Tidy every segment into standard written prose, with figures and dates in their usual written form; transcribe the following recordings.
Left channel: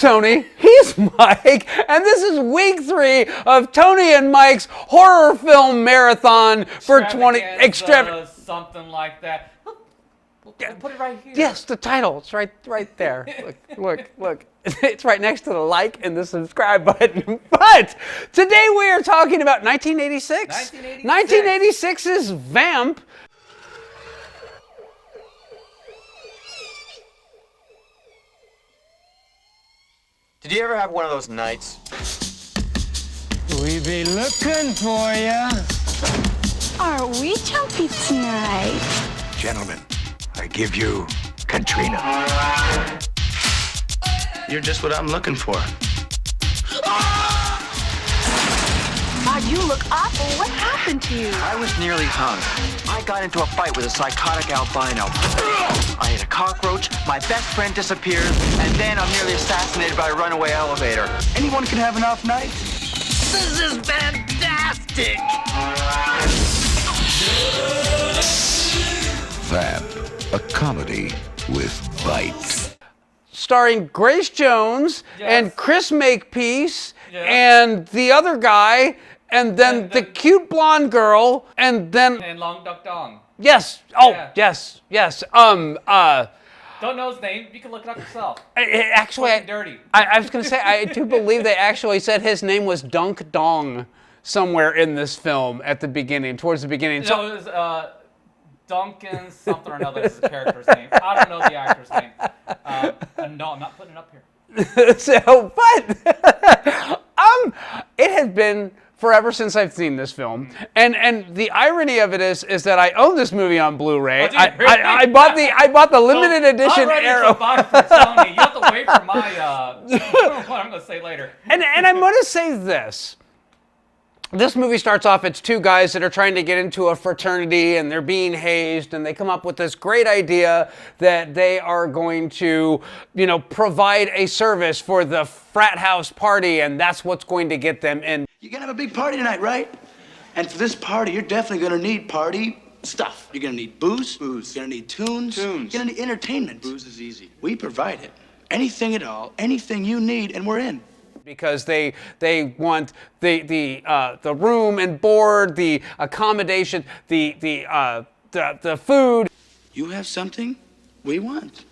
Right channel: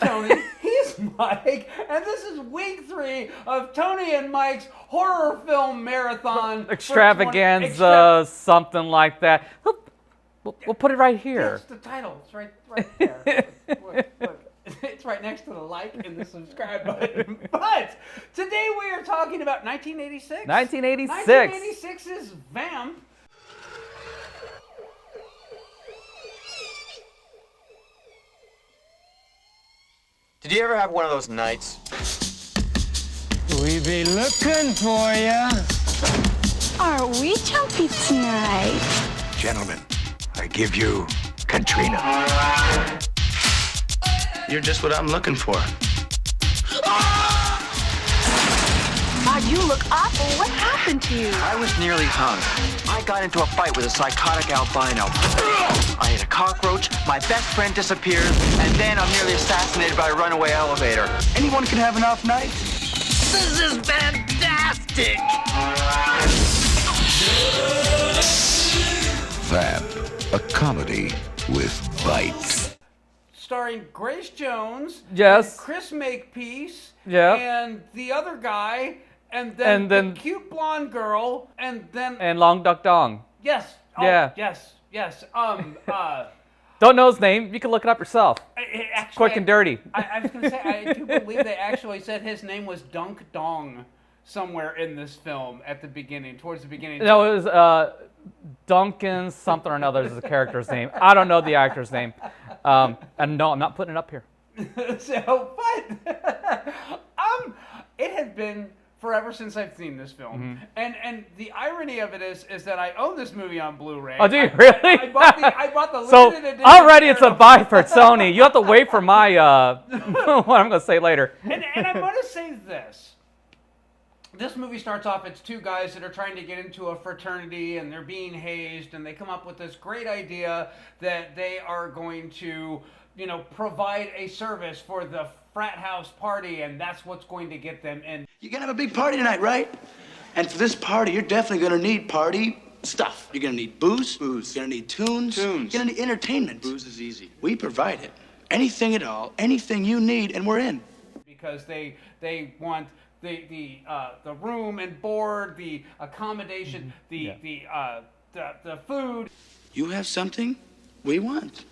Tony. He's Mike. And this is week 3 of Tony and Mike's horror film marathon for 20... something like that. We'll put it right here. Yes, the title. It's right there. Look. It's right next to the like and the subscribe button. But today we are talking about 1986. 1986's Vamp. Did you ever have one of those nights? We be looking for ya. Are we jumpy tonight? Gentlemen, I give you Katrina. You're just what I'm looking for. God, you look awful. What happened to you? I was nearly hung. I got into a fight with a psychotic albino. I hit a cockroach, my best friend disappears, and then I'm nearly assassinated by a runaway elevator. Anyone can have an off night. This is fantastic! Vamp, a comedy with bite. Starring Grace Jones and Chris Makepeace and the other guy and then the cute blonde girl and Long Duck Dong. Yes. Oh, yeah. yes. Don't know his name. You can look it up yourself. Actually, Quick and dirty. I was going to say, I do believe they actually said his name was Dunk Dong somewhere in this film at the beginning, towards the beginning. No, it was Duncan something or another is the character's name. I don't know the actor's name. And no, I'm not putting it up here. It has been forever since I've seen this film, and the irony of it is that I own this movie on Blu-ray. Oh, did you really? I bought the limited edition. Already it's a buy for Sony. You have to wait for my what I'm going to say later. And I'm going to say this. This movie starts off, it's two guys that are trying to get into a fraternity and they're being hazed, and they come up with this great idea that they are going to, provide a service for the frat house party, and that's what's going to get them in. You're gonna have a big party tonight, right? And for this party, you're definitely gonna need party stuff. You're gonna need booze. You're gonna need tunes. You're gonna need entertainment. Booze is easy. We provide it. Anything at all, anything you need, and we're in. Because they want the room and board, the accommodation, the food. You have something we want.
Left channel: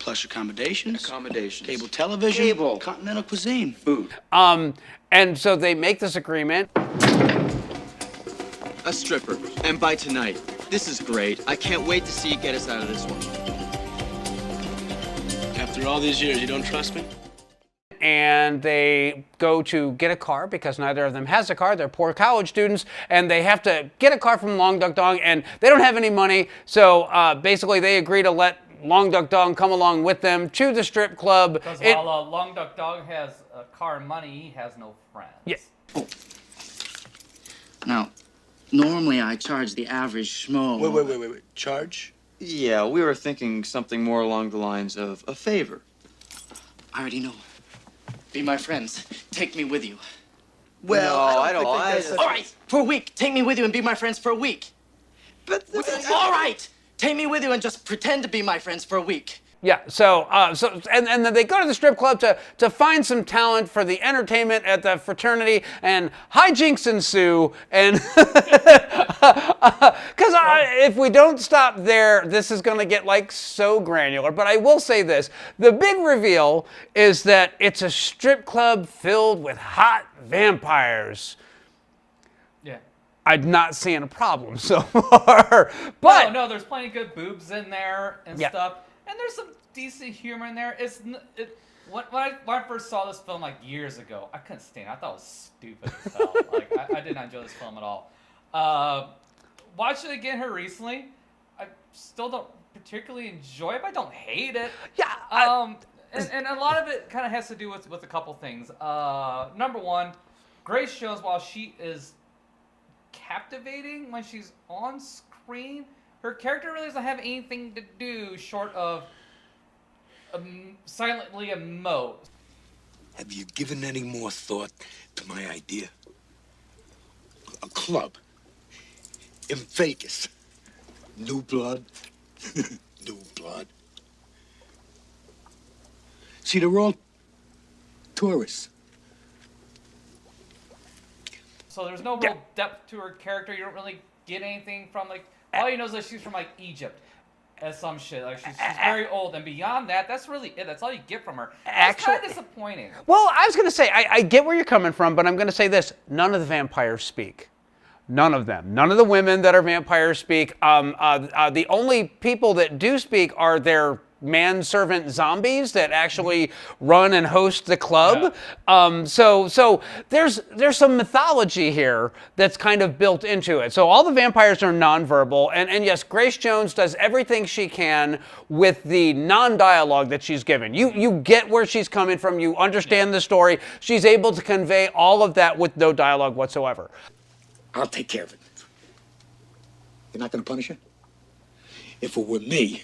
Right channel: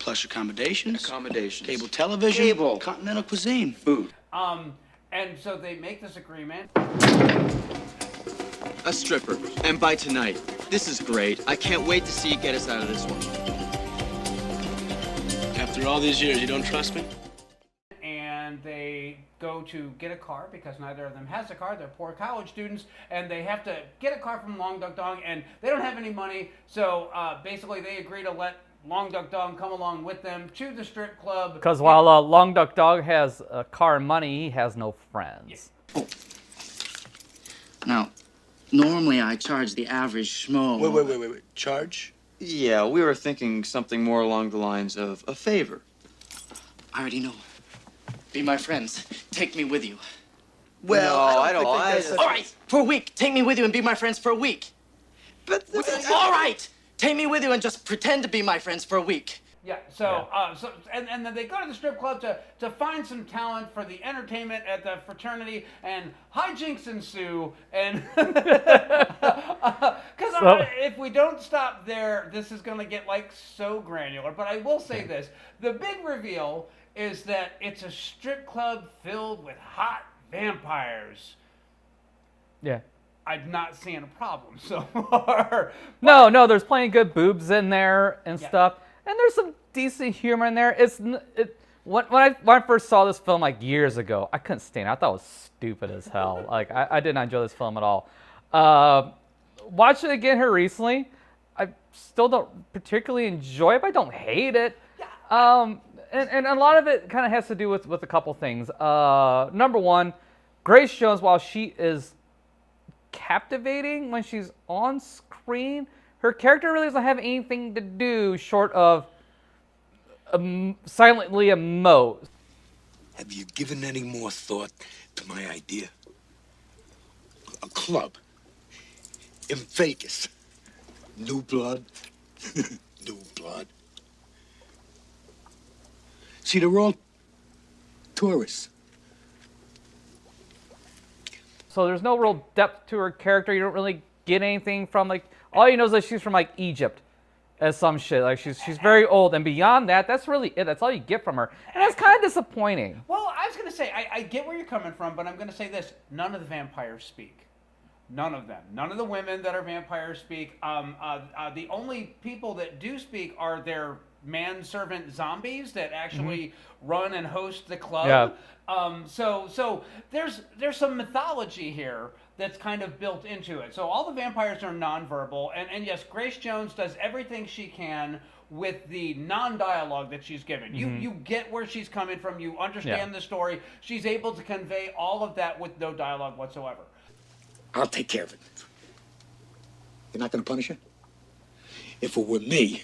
Plush accommodations. Cable television. Continental cuisine. Food. And so they make this agreement. A stripper. And by tonight. This is great. I can't wait to see you get us out of this one. After all these years, you don't trust me? And they go to get a car because neither of them has a car. They're poor college students, and they have to get a car from Long Duck Dong, and they don't have any money. So basically, they agree to let Long Duck Dong come along with them to the strip club. Because while Long Duck Dog has a car and money, he has no friends. Yes. Oh. Now, normally I charge the average schmo. Wait. Charge? Yeah, we were thinking something more along the lines of a favor. I already know. Be my friends. Take me with you. Well, I don't think All right, for a week. Take me with you and be my friends for a week. But all right, take me with you and just pretend to be my friends for a week. Yeah, and then they go to the strip club to find some talent for the entertainment at the fraternity, and hijinks ensue, and because if we don't stop there, this is going to get so granular. But I will say this, the big reveal is that it's a strip club filled with hot vampires. Yeah. I'm not seeing a problem so far. But, no, there's plenty of good boobs in there and stuff. And there's some decent humor in there. When I first saw this film years ago, I couldn't stand it. I thought it was stupid as hell. I did not enjoy this film at all. Watching it again here recently, I still don't particularly enjoy it, but I don't hate it. Yeah. And a lot of it kind of has to do with a couple things. Number one, Grace Jones, while she is captivating when she's on screen, her character really doesn't have anything to do short of silently emote. Have you given any more thought to my idea? A club in Vegas. New blood. New blood. See, they're all tourists. So there's no real depth to her character. You don't really get anything from, like, all you know is that she's from, like, Egypt as some shit. Like, she's very old, and beyond that, that's really it. That's all you get from her. It's kind of disappointing. Well, I was going to say, I get where you're coming from, but I'm going to say this. None of the vampires speak. None of them. None of the women that are vampires speak. The only people that do speak are their manservant zombies that actually run and host the club. Yeah. So there's some mythology here that's kind of built into it. So all the vampires are nonverbal, and yes, Grace Jones does everything she can with the non-dialogue that she's given. You get where she's coming from. You understand the story. She's able to convey all of that with no dialogue whatsoever. I'll take care of it. You're not going to punish her? If it were me,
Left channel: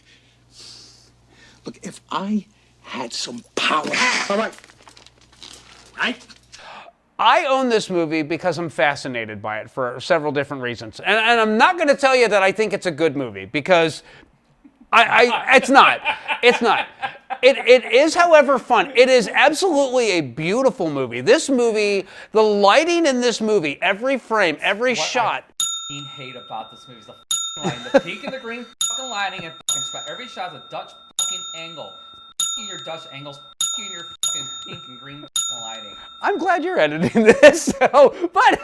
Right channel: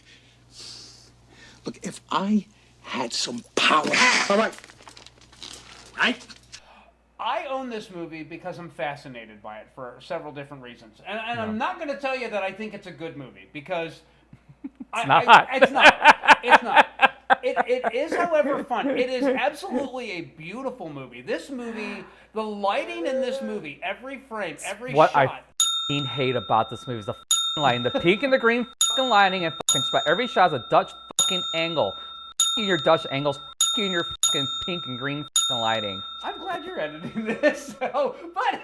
look, if I had some power. All right. Right? I own this movie because I'm fascinated by it for several different reasons. And I'm not going to tell you that I think it's a good movie because it's not. It's not. It is, however, fun. It is absolutely a beautiful movie. This movie, the lighting in this movie, every frame, every shot. What I hate about this movie is the lighting, the pink and the green lighting, and every shot is a Dutch angle. You your Dutch angles. You and your pink and green lighting. I'm glad you're editing this. But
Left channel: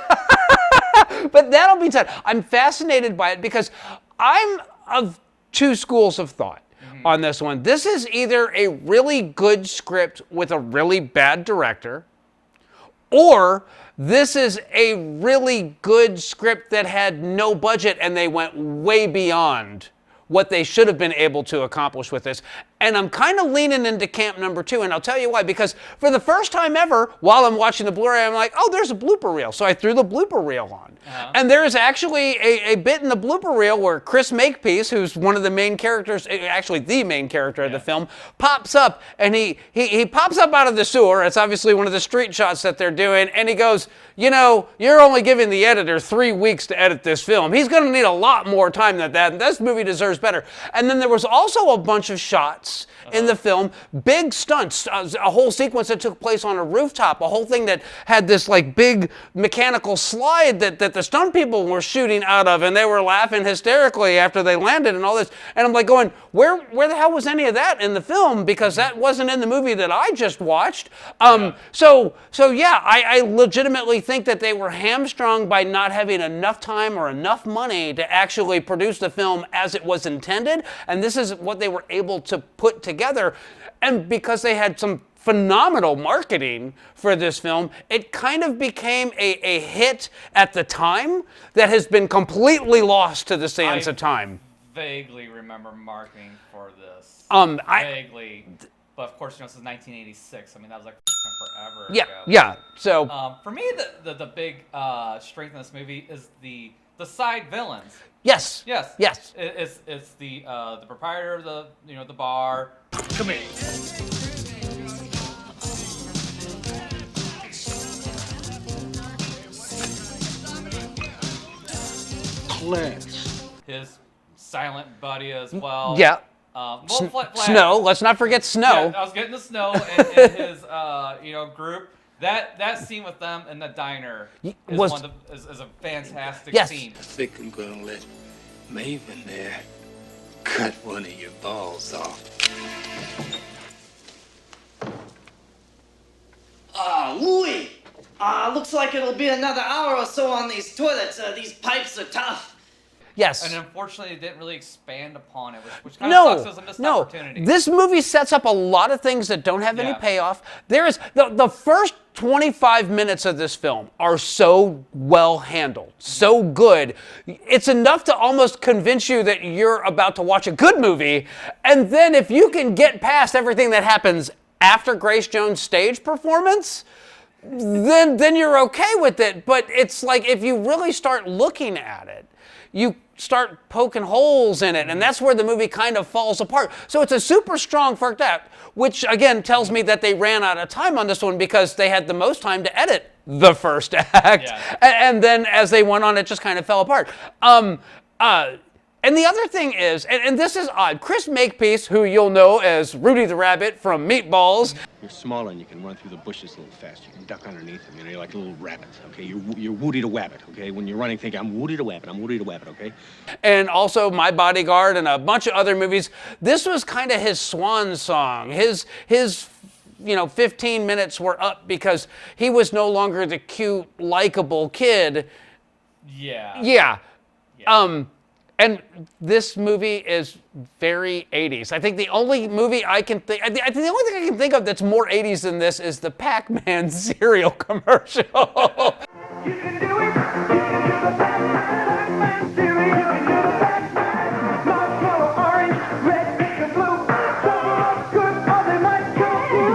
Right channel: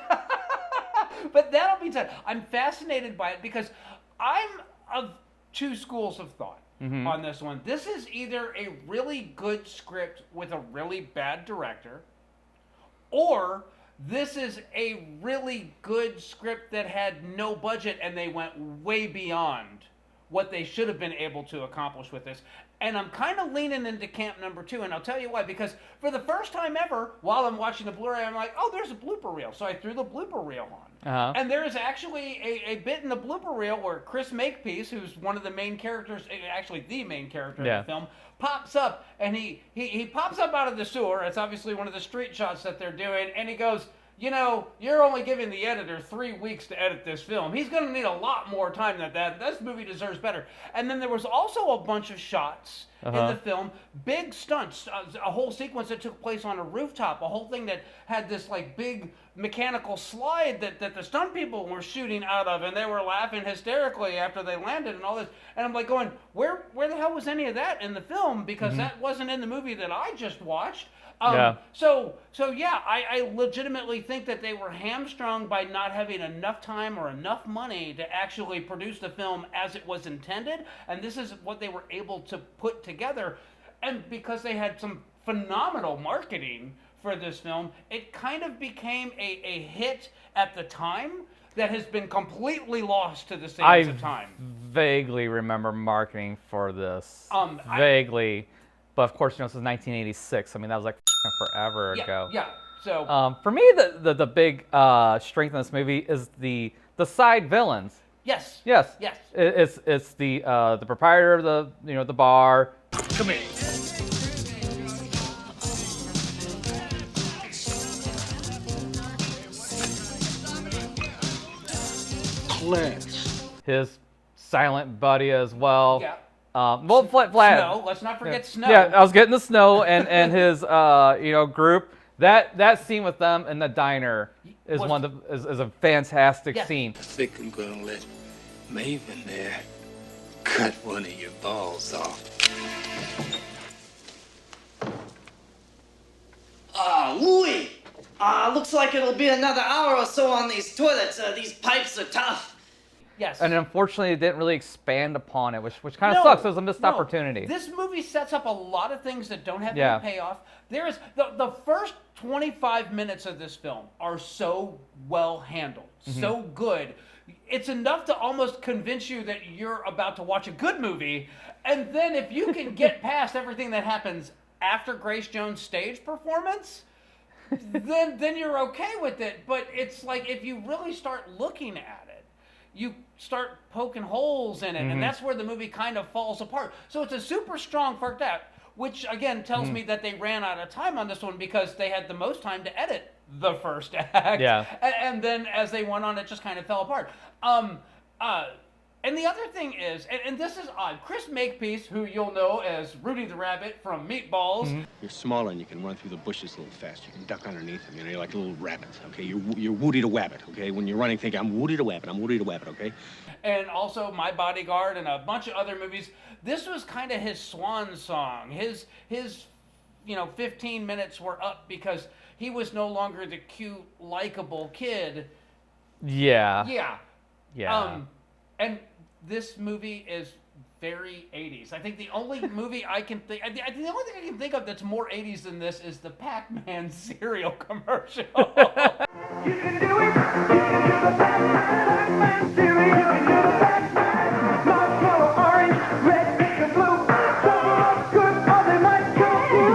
that'll be said. I'm fascinated by it because I'm of two schools of thought on this one. This is either a really good script with a really bad director, or this is a really good script that had no budget and they went way beyond what they should have been able to accomplish with this. And I'm kind of leaning into camp number two, and I'll tell you why. Because for the first time ever, while I'm watching the Blu-ray, I'm like, oh, there's a blooper reel. So I threw the blooper reel on. And there's actually a bit in the blooper reel where Chris Makepeace, who's one of the main characters, actually the main character of the film, pops up, and he pops up out of the sewer. It's obviously one of the street shots that they're doing, and he goes, you know, you're only giving the editor 3 weeks to edit this film. He's going to need a lot more time than that. This movie deserves better. And then there was also a bunch of shots in the film, big stunts, a whole sequence that took place on a rooftop, a whole thing that had this like big mechanical slide that the stunt people were shooting out of, and they were laughing hysterically after they landed and all this. And I'm like going, where the hell was any of that in the film? Because that wasn't in the movie that I just watched. So I legitimately think that they were hamstrung by not having enough time or enough money to actually produce the film as it was intended. And this is what they were able to put together. And because they had some phenomenal marketing for this film, it kind of became a hit at the time that has been completely lost to the sands of time. Vaguely remember marketing for this. Vaguely. But of course, you know, this is 1986. I mean, that was like forever ago. Yeah. So for me, the big strength in this movie is the side villains. Yes. It's the proprietor of the bar. Come here. Class. His silent buddy as well. Yeah. Snow. Let's not forget Snow. Yeah, I was getting the Snow and his group. That scene with them in the diner is a fantastic scene. I think I'm gonna let Maven there cut one of your balls off. Louis! Looks like it'll be another hour or so on these toilets. These pipes are tough. Yes. And unfortunately, it didn't really expand upon it, which kind of sucks. It was a missed opportunity. This movie sets up a lot of things that don't have any payoff. There is the first 25 minutes of this film are so well handled, so good. It's enough to almost convince you that you're about to watch a good movie. And then if you can get past everything that happens after Grace Jones' stage performance, then you're okay with it. But it's like if you really start looking at it, you start poking holes in it, and that's where the movie kind of falls apart. So it's a super strong first act, which again tells me that they ran out of time on this one because they had the most time to edit the first act. Yeah. And then as they went on, it just kind of fell apart. And the other thing is, and this is odd, Chris Makepeace, who you'll know as Rudy the Rabbit from Meatballs. You're smaller and you can run through the bushes a little faster. You can duck underneath them. You know, you're like a little rabbit, okay? You're Woody the Wabbit, okay? When you're running, think, I'm Woody the Wabbit, I'm Woody the Wabbit, okay? And also My Bodyguard and a bunch of other movies. This was kind of his swan song. His 15 minutes were up because he was no longer the cute, likable kid. Yeah. Yeah. Yeah. And this movie is very 80s. I think the only movie I think the only thing I can think of that's more 80s than this is the Pac-Man cereal commercial. You can do it. You can do the Pac-Man cereal. You can do the Pac-Man. Marshmallow, orange, red, pink, and blue. Some are good, others might kill you.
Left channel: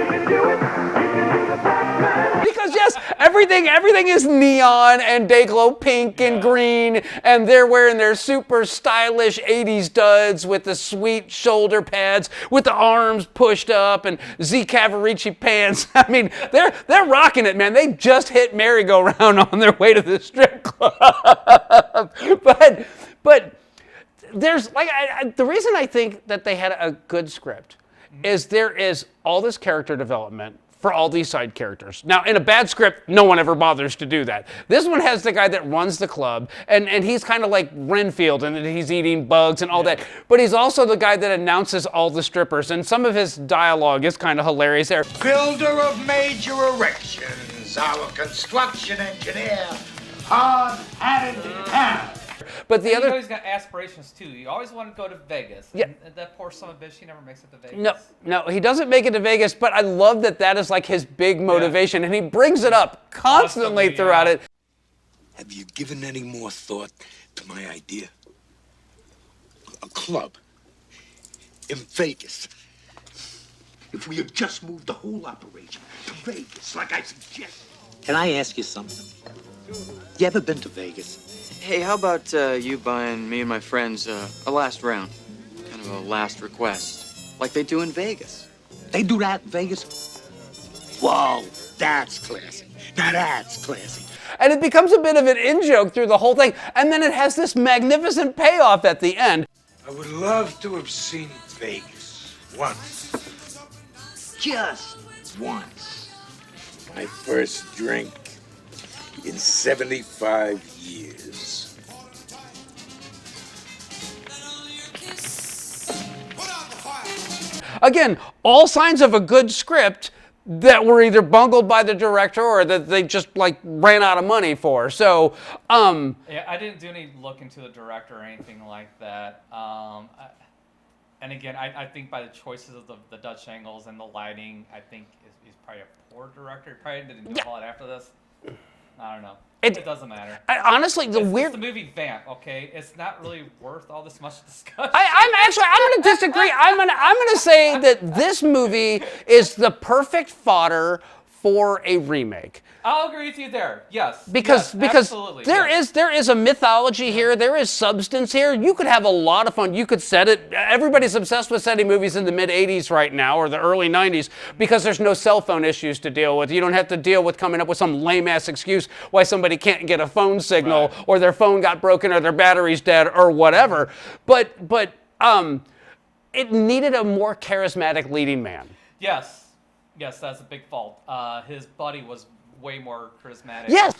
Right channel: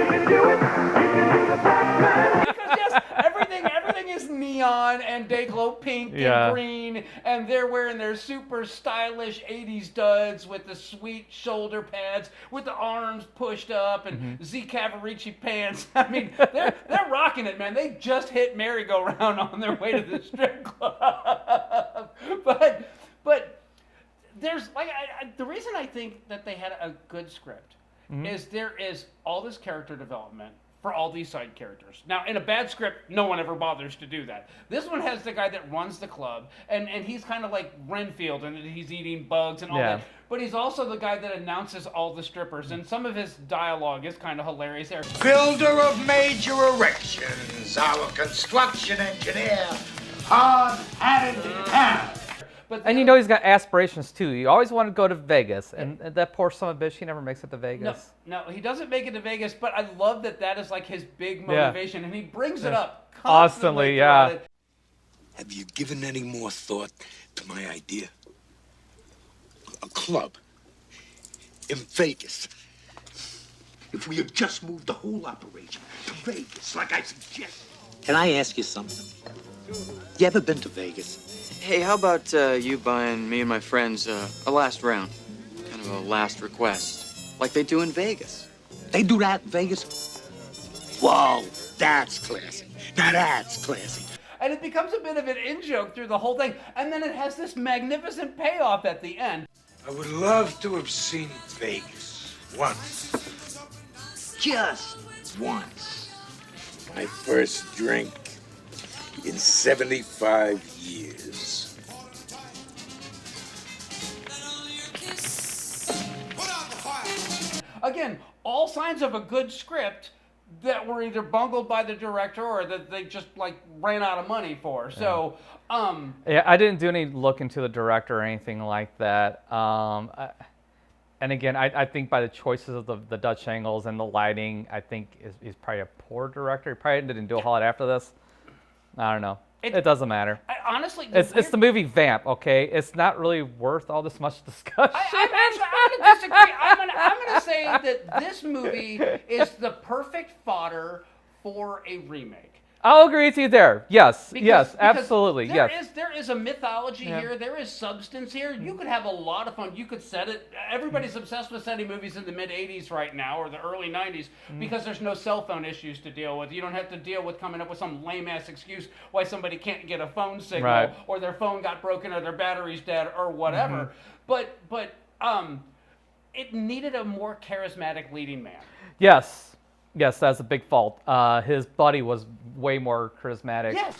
You can do it. You can do the Pac-Man. Because yes, everything is neon and they glow pink and green, and they're wearing their super stylish 80s duds with the sweet shoulder pads, with the arms pushed up, and Z Cavaricci pants. I mean, they're rocking it, man. They just hit merry-go-round on their way to the strip club. But there's the reason I think that they had a good script is there is all this character development for all these side characters. Now, in a bad script, no one ever bothers to do that. This one has the guy that runs the club, and he's kind of like Renfield, and he's eating bugs and all that. But he's also the guy that announces all the strippers, and some of his dialogue is kind of hilarious there. Builder of major erections, our construction engineer, hard-hatted town. But you know he's got aspirations too. He always wanted to go to Vegas, and that poor son of a bitch, he never makes it to Vegas. No, he doesn't make it to Vegas, but I love that is like his big motivation, and he brings it up constantly throughout it. Have you given any more thought to my idea? A club in Vegas. If we had just moved the whole operation to Vegas, like I suggested. Can I ask you something? You ever been to Vegas? Hey, how about you buying me and my friends a last round? Kind of a last request. Like they do in Vegas. They do that in Vegas? Whoa, that's classy. Now that's classy. And it becomes a bit of an in-joke through the whole thing, and then it has this magnificent payoff at the end. I would love to have seen Vegas once. Just once. My first drink in 75 years. Again, all signs of a good script that were either bungled by the director or that they just ran out of money for. So, yeah, I didn't do any look into the director or anything like that. And again, I think by the choices of the Dutch angles and the lighting, I think he's probably a poor director. He probably didn't do a whole lot after this. I don't know. It doesn't matter. Honestly, it's the movie Vamp, okay? It's not really worth all this much discussion. I'm going to disagree. I'm going to say that this movie is the perfect fodder for a remake. I'll agree with you there. Yes. Because absolutely. there is a mythology here. There is substance here. You could have a lot of fun. You could set it. Everybody's obsessed with setting movies in the mid 80s right now or the early 90s because there's no cell phone issues to deal with. You don't have to deal with coming up with some lame ass excuse why somebody can't get a phone signal or their phone got broken or their battery's dead or whatever. But it needed a more charismatic leading man. Yes, that's a big fault. His buddy was way more charismatic. Yes!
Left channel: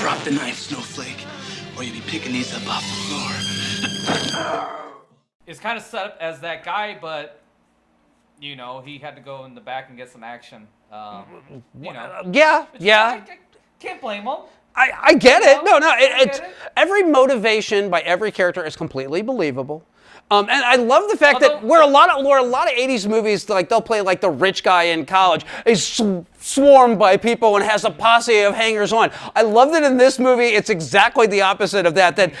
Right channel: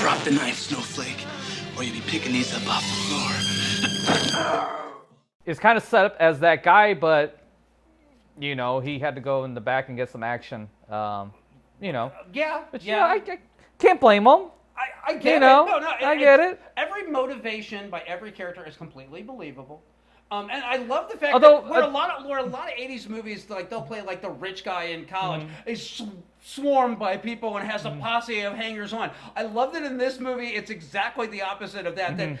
Drop the knife, Snowflake, or you'll be picking these up off the floor. It's kind of set up as that guy, but, he had to go in the back and get some action. Yeah. I can't blame him. I get it. No, I get it. Every motivation by every character is completely believable. And I love the fact that where a lot of 80s movies, they'll play the rich guy in college is swarmed by people and has a posse of hangers-on. I love that in this movie it's exactly the opposite of that. That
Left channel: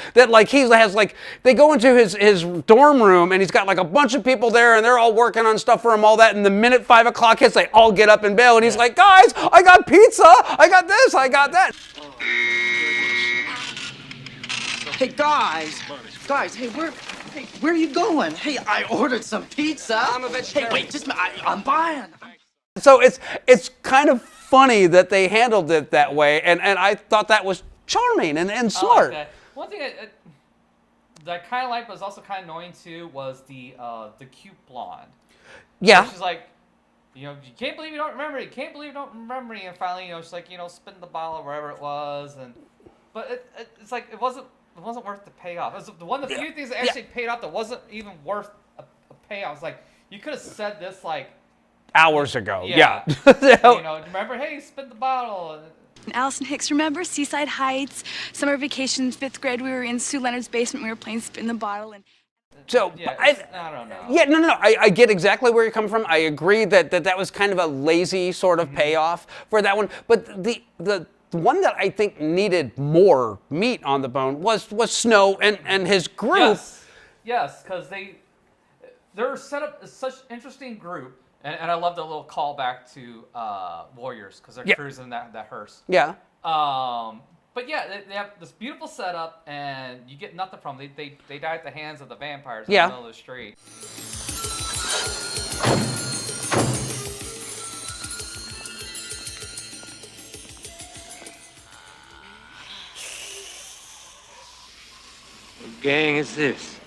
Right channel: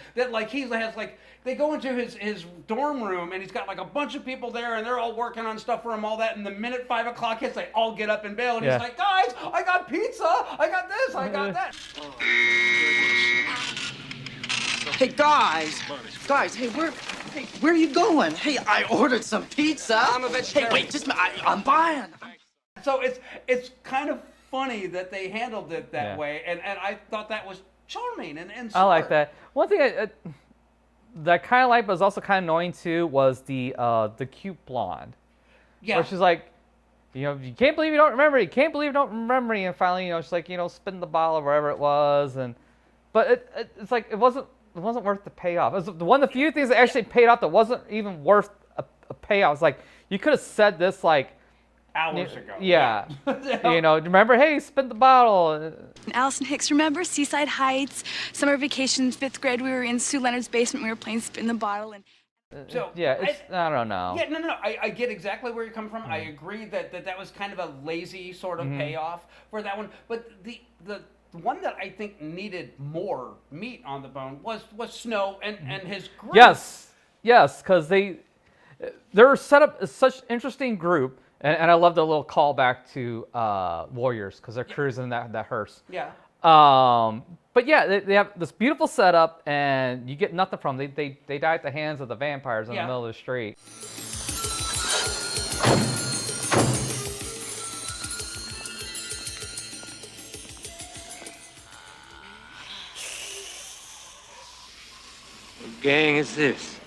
he has they go into his dorm room and he's got a bunch of people there and they're all working on stuff for him, all that. And the minute 5 o'clock hits, they all get up and bail. And he's like, guys, I got pizza, I got this, I got that. Hey guys, hey, where are you going? Hey, I ordered some pizza. I'm a vegetarian. Hey, wait, just I'm buying. So it's kind of funny that they handled it that way, and I thought that was charming and I smart. like that. One thing that kind of like, but was also kind of annoying too, was the cute blonde. Yeah. Where she's like, you can't believe you don't remember. You can't believe you don't remember. And finally, she's like, spin the bottle or whatever it was, but it's like it wasn't worth the payoff. It was one of the few things that actually paid off that wasn't even worth a payoff. It's like you could have said this like hours ago. Yeah. Remember, hey, spin the bottle. Allison Hicks, remember Seaside Heights, summer vacation, 5th grade, we were in Sue Leonard's basement, we were playing spin the bottle. And so I don't know. Yeah, no. I get exactly where you're coming from. I agree that was kind of a lazy sort of payoff for that one. But the one that I think needed more meat on the bone was Snow and his group. Yes, because they're set up as such an interesting group. And I love the little callback to Warriors because they're cruising that hearse. Yeah. But yeah, they have this beautiful setup, and you get nothing from them. They die at the hands of the vampires in the middle of the street. What gang is this?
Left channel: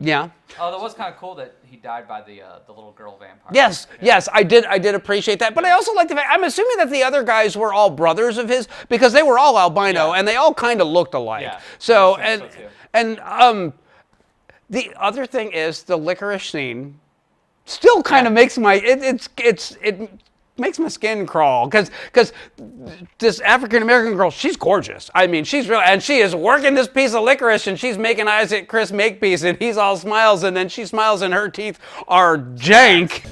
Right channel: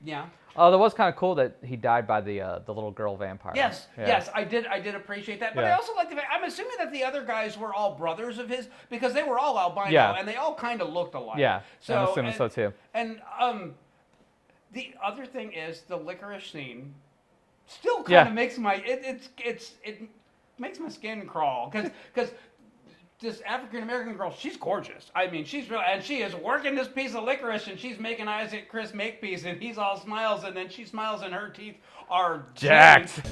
Yeah. Oh, that was kind of cool that he died by the little girl vampire. Yes, I did appreciate that. But I also like the fact, I'm assuming that the other guys were all brothers of his because they were all albino and they all kind of looked alike. Yeah. So too. And the other thing is the licorice scene still kind of makes my it makes my skin crawl because this African American girl, she's gorgeous. I mean, she's real, and she is working this piece of licorice, and she's making eyes at Chris Makepeace, and he's all smiles, and then she smiles, and her teeth are jank.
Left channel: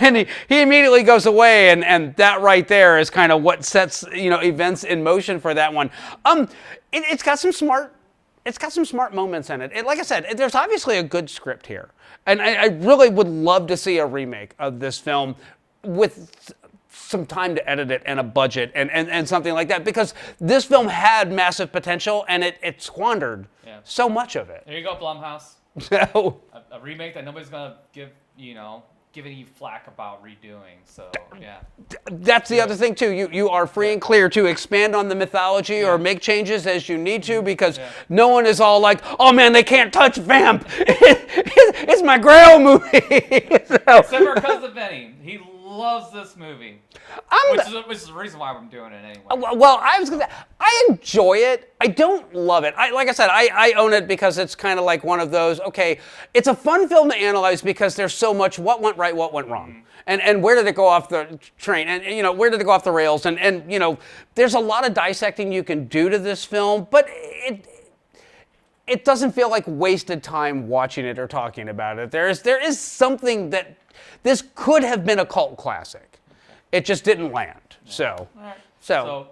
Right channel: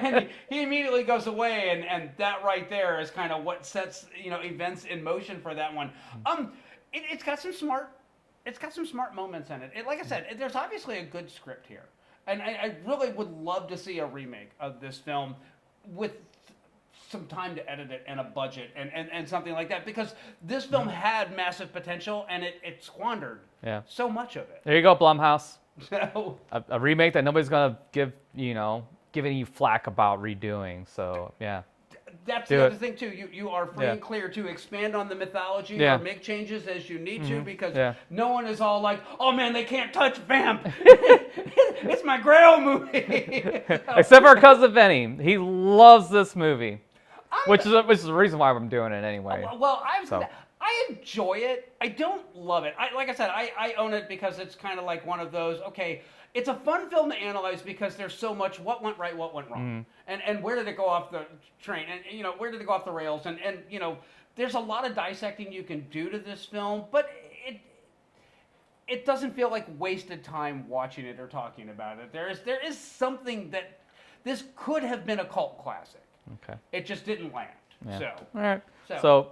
And he immediately goes away, and that right there is kind of what sets events in motion for that one. It's got some smart moments in it. Like I said, there's obviously a good script here. And I really would love to see a remake of this film with some time to edit it and a budget and something like that, because this film had massive potential and it squandered so much of it. There you go, Blumhouse. So, a remake that nobody's going to give any flack about redoing. So, yeah. That's the other thing, too. You are free and clear to expand on the mythology or make changes as you need to, because no one is all like, oh, man, they can't touch Vamp. It's my Grail movie. Except for our cousin Vinny. He loves this movie. Which is the reason why I'm doing it anyway. Well, I enjoy it. I don't love it. Like I said, I own it because it's kind of like one of those, okay, it's a fun film to analyze because there's so much what went right, what went wrong. And where did it go off the train? And, where did it go off the rails? And there's a lot of dissecting you can do to this film, but it doesn't feel like wasted time watching it or talking about it. There is something that this could have been a cult classic. Okay. It just didn't land. Yeah. So, all right. So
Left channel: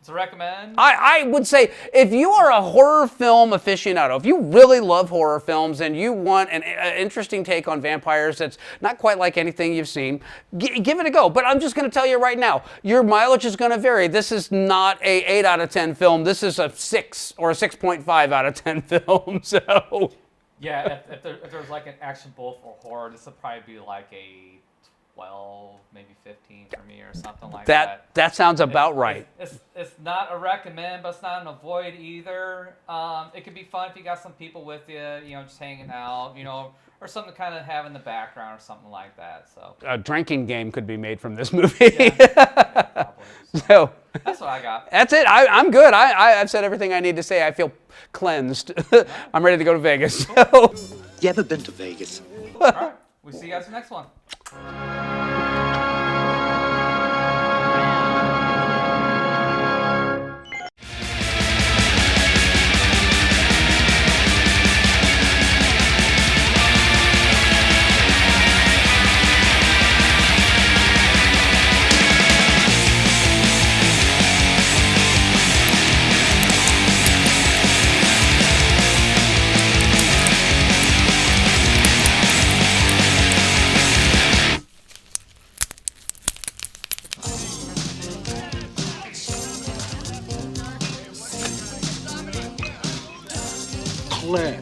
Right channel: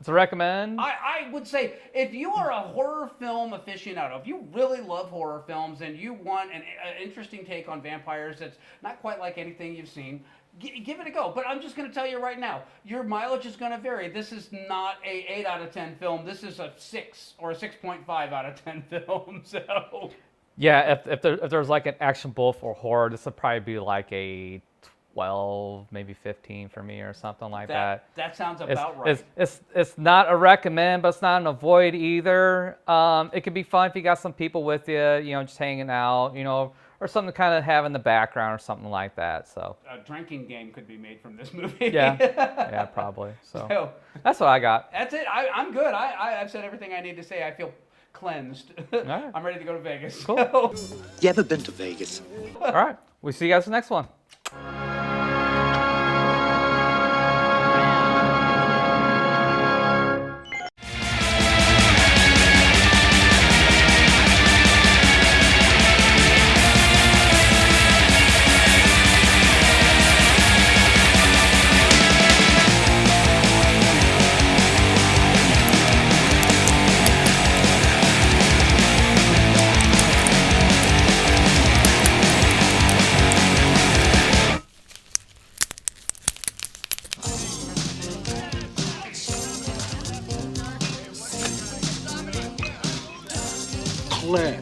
it's a recommend. I would say if you are a horror film aficionado, if you really love horror films and you want an interesting take on vampires that's not quite like anything you've seen, give it a go. But I'm just going to tell you right now, your mileage is going to vary. This is not a 8 out of 10 film. This is a 6 or a 6.5 out of 10 film. So, yeah, if there's like an action bull for horror, this would probably be like a 12, maybe 15 for me or something like that. That sounds about right. It's not a recommend, but it's not an avoid either. It can be fun if you got some people with you, just hanging out, or something to kind of have in the background or something like that. So a drinking game could be made from this movie. Yeah, probably. So that's what I got. That's it. I'm good. I've said everything I need to say. I feel cleansed. Right. I'm ready to go to Vegas. Cool. You ever been to Vegas? All right. We'll see you guys in the next one. Claire.